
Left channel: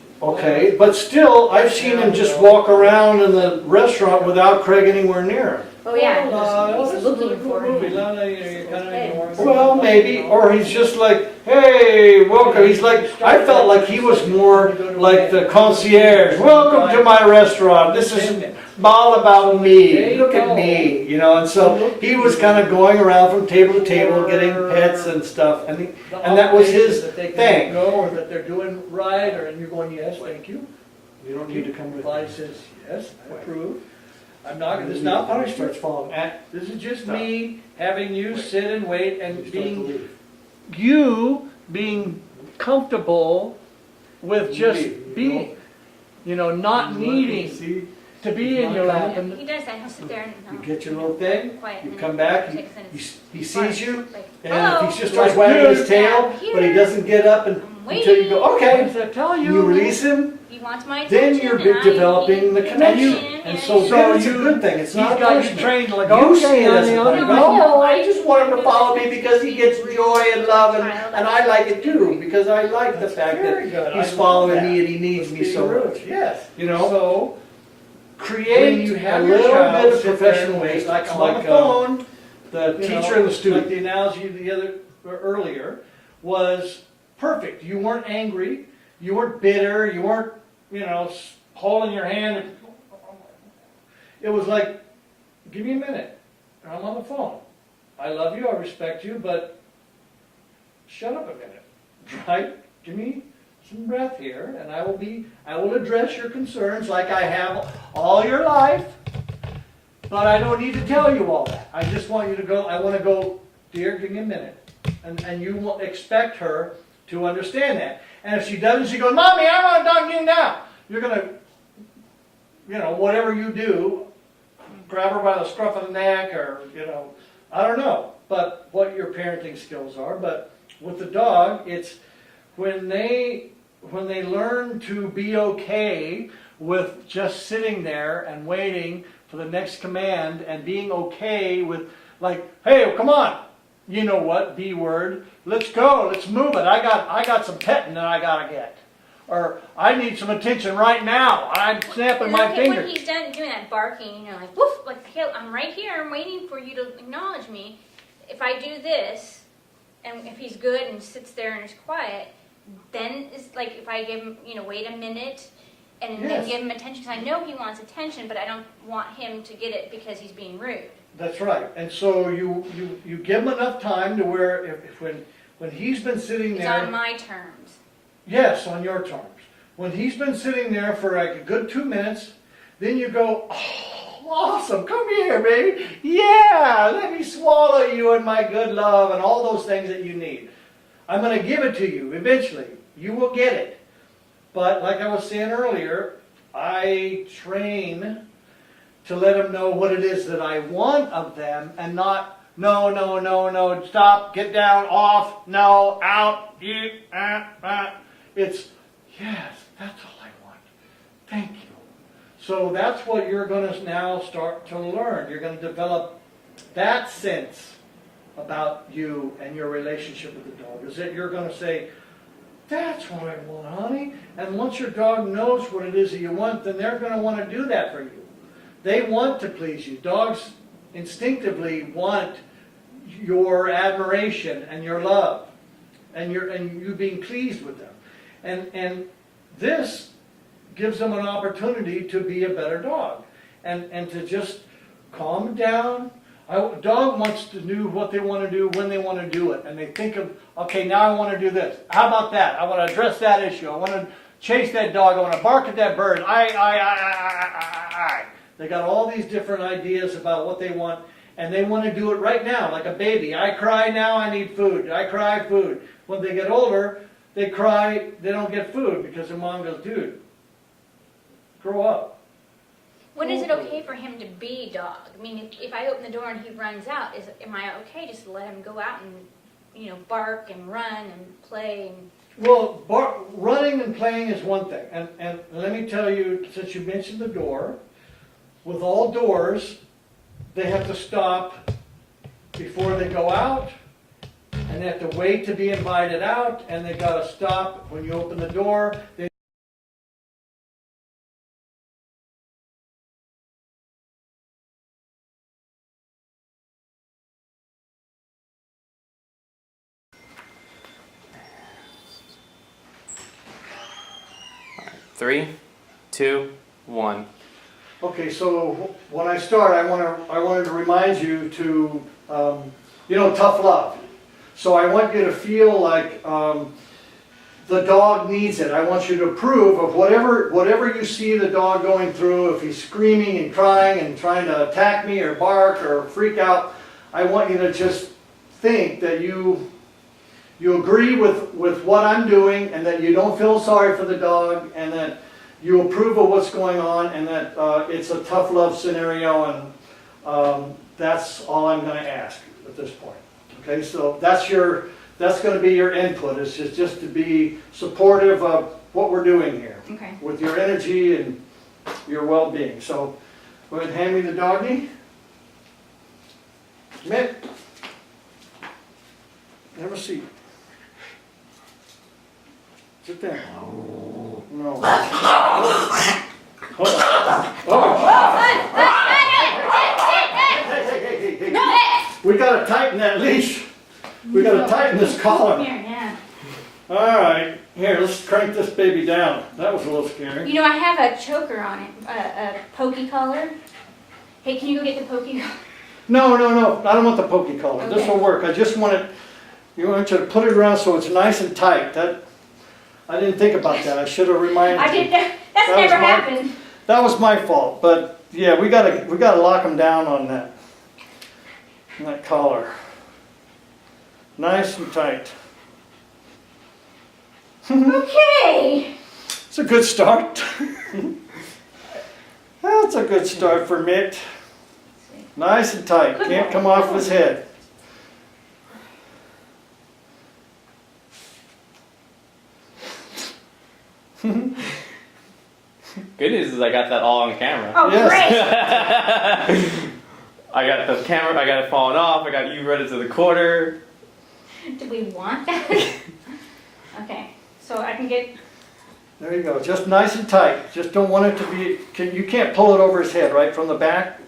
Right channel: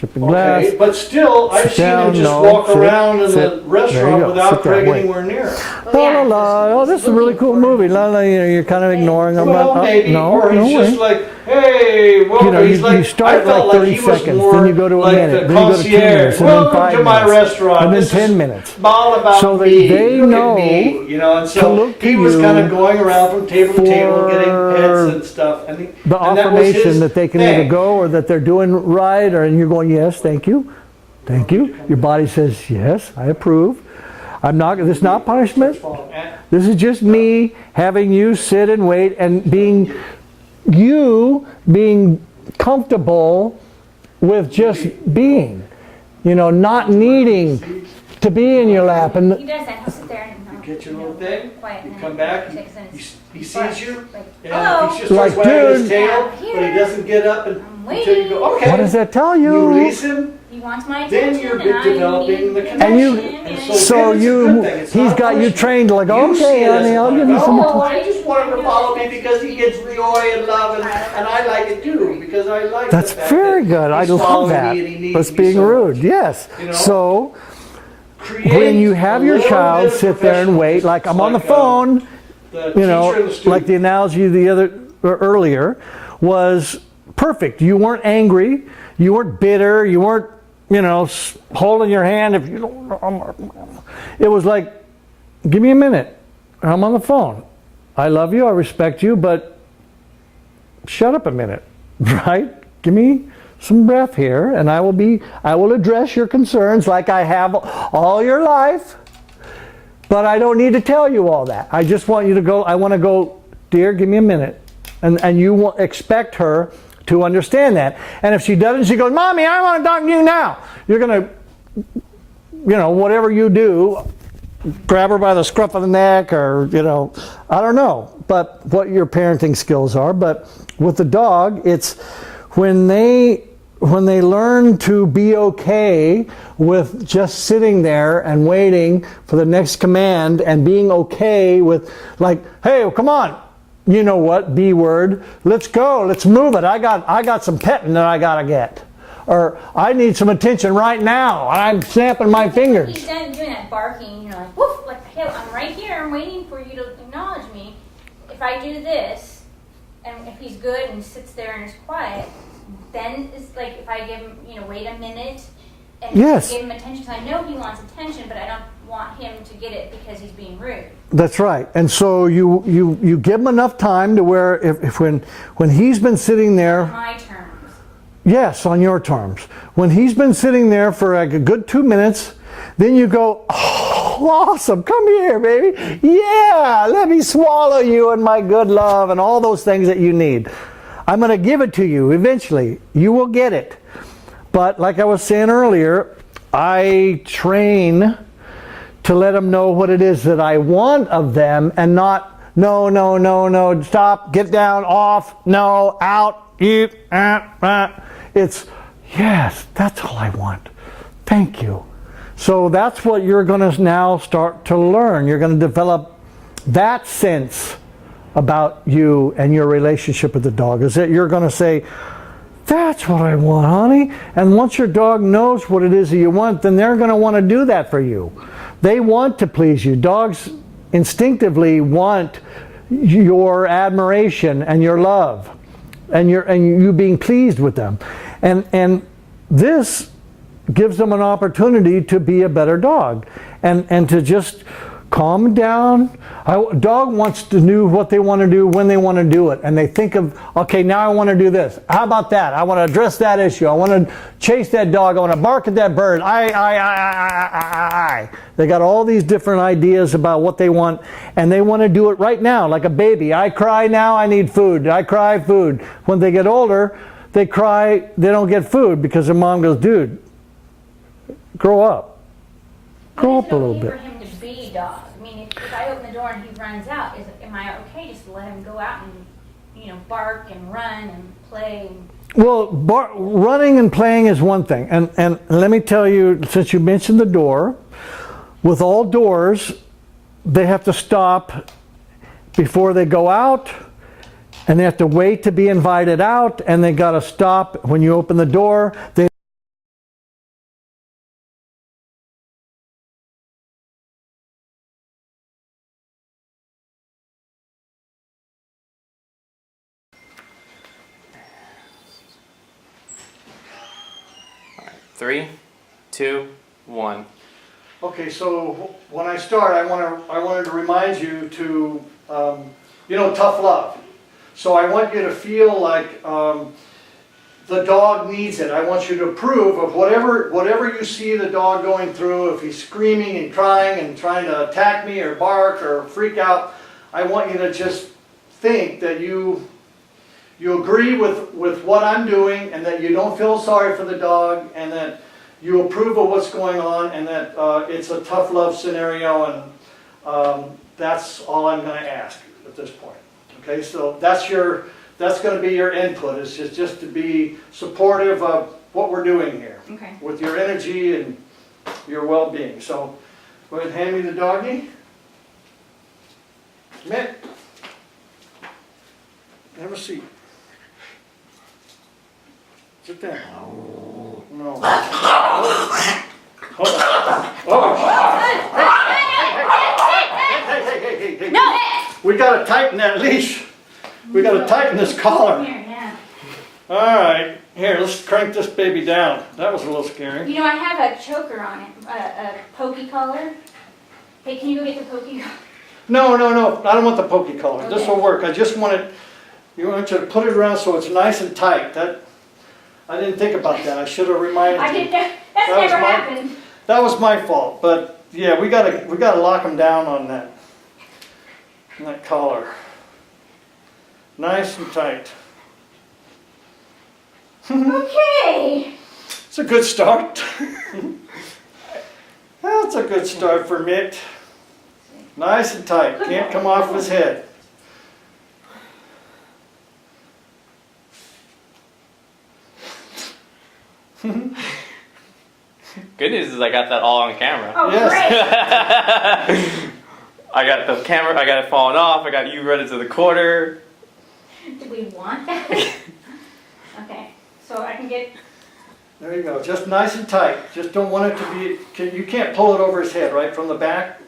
sipping glass. Okay, but still, I've Sit seen down, him just no, walk sit, around in sit. the There you restaurant go. without Sit down, Craig wait. anywhere near. Oh yeah. La, la, oh, he's this is a really looking cool for movie. him. La, la, you're kind of ignoring him. Well, Oh, maybe, no, or he's no, just wait. like, hey, welcome. He's you like, start I felt with like he 30 was seconds, more then you go to a like minute, the then you go to 2 concierge. minutes, and then Welcome 5 to my minutes, restaurant. and then This 10 is minutes. all about So that me. they Look know at me, and to so look he to was you kind of going around from table to table, getting for pets and stuff, and The that was obligation his that they can thing. either go or that they're doing right, and you're going, yes, thank you. Thank you. Your body says, yes, I approve. This is not punishment. This is just me having you sit and wait and being comfortable with just being, not needing to be in your lap. He And does that. He'll sit there and You get your little thing, quiet, you and come then back, takes it. he sees you, and Hello. if he just starts wagging his tail, but he doesn't get up until you go, what okay. does that tell you? You release him, He wants my then attention. you're and I developing the need connection. attention, And and so So then it's a you, good thing. It's he's not a got you punishment. trained to like, You okay, see it as honey, a I'll like, give you some. oh, I just want him to follow me because he gets joy and love, and I like it too, because I like That's the fact very that good. I he's love following that. me and he needs That's me being so rude. much. Yes. You know? So Create when you have a your little child bit of sit there and wait, professionalism. like I'm It's on the like, phone, The you teacher know, and the student. like the analogy the other or earlier was perfect. You weren't angry, you weren't bitter, you weren't, you know, holding your hand. If you don't, it was like, give me a minute. I'm on the phone. I love you, I respect you, but shut up a minute, right? Give me some breath here, and I will address your concerns like I have all your life. But I don't need to tell you all that. I just want you to go, I want to go, dear, give me a minute. And you will expect her to understand that. And if she doesn't, she goes, Mommy, I want to talk to you now. You're going to, you know, whatever you do, grab her by the scruff of the neck or, you know, I don't know. But what your parenting skills are. But with the dog, it's when they learn to be okay with just sitting there and waiting for the next command and being okay with like, hey, come on, you know what, B word, let's go, let's move it. I got some petting that I gotta get. Or I need some attention right now. I'm snapping my When fingers. he's done doing that barking, you know, like, woof, like, hey, I'm right here, I'm waiting for you to acknowledge me. If I do this, and if he's good and sits there and is quiet, then it's like if I give him, you know, wait a minute and Yes. give him attention. I know he wants attention, but I don't want him to get it because he's being rude. That's right. And so you give him enough time to where if when he's been sitting there. On my terms. Yes, on your terms. When he's been sitting there for like a good 2 minutes, then you go, oh, awesome, come here, baby. Yeah, let me swallow you in my good love and all those things that you need. I'm going to give it to you eventually. You will get it. But like I was saying earlier, I train to let them know what it is that I want of them and not, no, stop, get down, off, no, out, eat, It's, yes, that's all I want. Thank you. So that's what you're going to now start to learn. You're going to develop that sense about you and your relationship with the dog. Is that you're going to say, that's what I want, honey. And once your dog knows what it is that you want, then they're going to want to do that for you. They want to please you. Dogs instinctively want your admiration and your love and you being pleased with them. And this gives them an opportunity to be a better dog and to just calm down. Dog wants to know what they want to do when they want to do it, and they think of, okay, now I want to do this. How about that? I want to address that issue. I want to chase that dog. I want to bark at that bird. I. They got all these different ideas about what they want, and they want to do it right now, like a baby. I cry now, I need food. I cry, food. When they get older, they cry, they don't get food because their mom goes, dude, grow up. Grow When is up it a little okay bit. for him to be dog? I mean, if I open the door and he runs out, am I okay just to let him go out and, you know, bark and run and play and... Well, running and playing is one thing. And let me tell you, since you mentioned the door, with all doors, they have to stop before they go out, and they have to wait to be invited out, and they got to stop when you open the door. They Three, two, one. Okay, so when I start, I wanted to remind you to, tough love. So I want you to feel like the dog needs it. I want you to approve of whatever you see the dog going through. If he's screaming and crying and trying to attack me or bark or freak out, I want you to just think that you agree with what I'm doing and that you don't feel sorry for the dog and that you approve of what's going on and that it's a tough love scenario, and that's all I'm going to ask at this point. Okay, so that's going to be your input, is just to be supportive of what we're doing here Okay. with your energy and your well-being. So go ahead and hand me the doggy. Mitt, have a seat. Sit down. No. Hold on. Oh. Hey. No, We gotta tighten that leash. We gotta tighten this collar. Here, yeah. All right, here, let's crank this baby down. That was a little scary. You know, I have a choker on it, a pokey collar. Hey, can you go get the pokey collar? No, I don't want the pokey collar. This Okay. will work. I just want you want you to put it around so it's nice and tight. I didn't think about that. I should have reminded I you. did that. That's That was never my- happened. That was my fault, but yeah, we gotta lock them down on that collar. Nice and tight. Okay. It's a good start. That's a good start for Mitt. Nice and tight. Can't come off his head. Good news is I got that all on camera. Oh, Yes. great. I got the camera, I got it falling off, I got you running to the corner. Do we want that? Okay, so I can get. There you go. Just nice and tight. Just don't want it to be. You can't pull it over his head, right, from the back?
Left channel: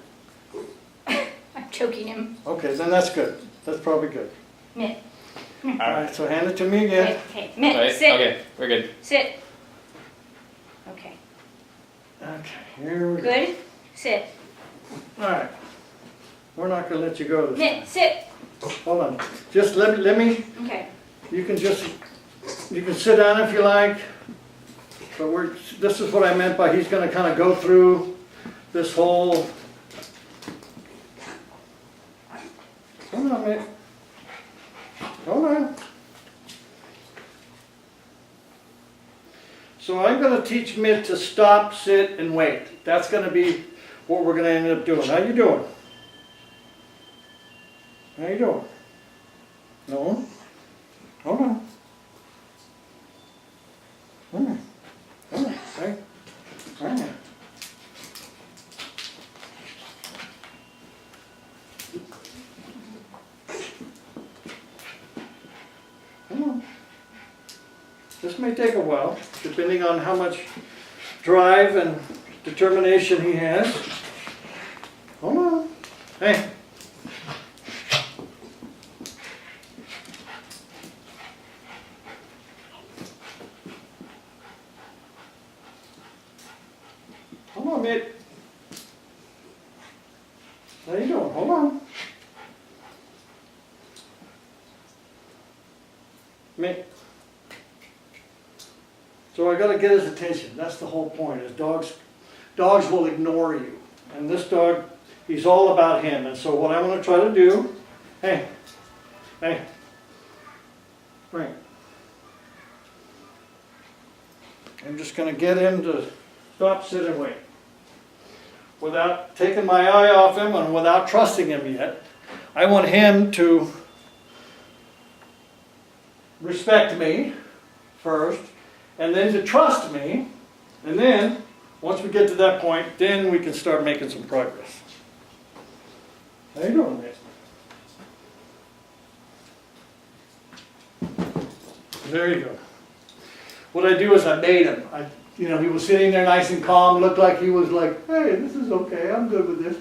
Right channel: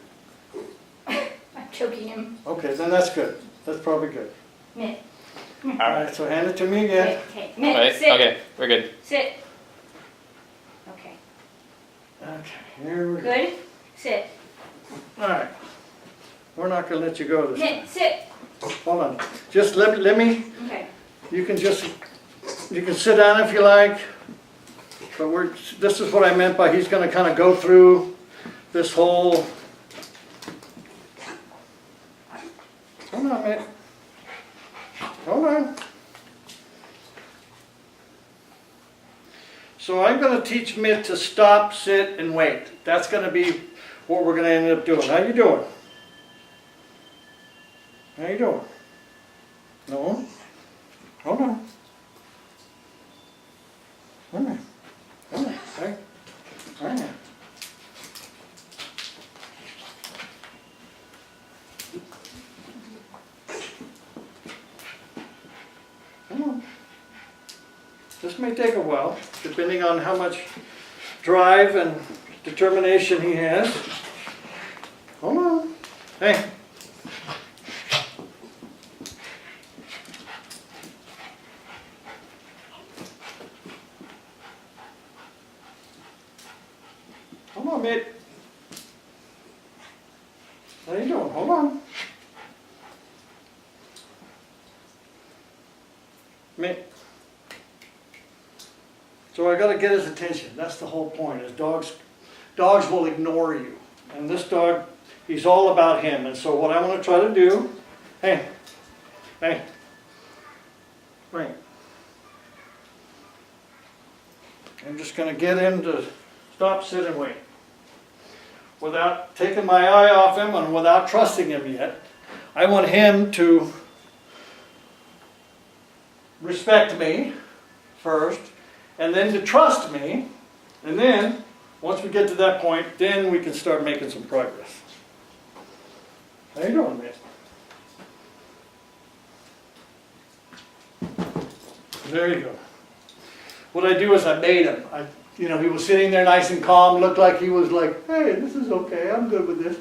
I'm choking him. Okay, then that's good. That's probably good. Mitt. All right, so hand it to me again. Okay, Mitt, Right? sit. Okay, we're good. Sit. Okay, Okay, here we go. good. Sit. All right. We're not going to let you go this time. Mitt, sit. Hold on. Just let me. Okay. You can sit down if you like. But this is what I meant by he's going to kind of go through this whole. Hold on, Mitt. Hold on. So I'm going to teach Mitt to stop, sit, and wait. That's going to be what we're going to end up doing. How you doing? How you doing? No? Hold on. Hold on. Hold on. Right. Right now. Come on. This may take a while, depending on how much drive and determination he has. Hold on. Hey. Come on, Mitt. How you doing? Hold on. Mitt. So I got to get his attention. That's the whole point. Is dogs will ignore you, and this dog, he's all about him. And so what I want to try to do, hey, right. I'm just going to get him to stop, sit, and wait. Without taking my eye off him and without trusting him yet. I want him to respect me first, and then to trust me, and then, once we get to that point, then we can start making some progress. How you doing, Mitt? There you go. What I do is I made him. He was sitting there nice and calm, looked like he was like, hey, this is okay, I'm good with this.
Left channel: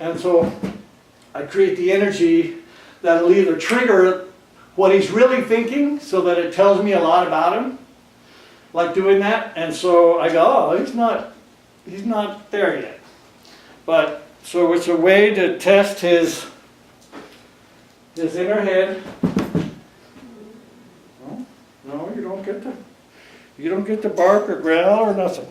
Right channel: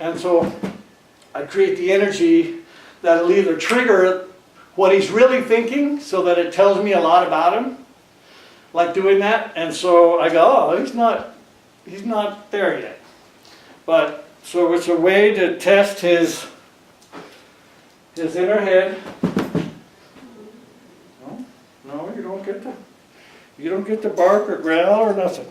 And so I create the energy that'll either trigger what he's really thinking so that it tells me a lot about him, like doing that. And so I go, oh, he's not there yet. But, so it's a way to test his inner head. No, you don't get to bark or growl or nothing.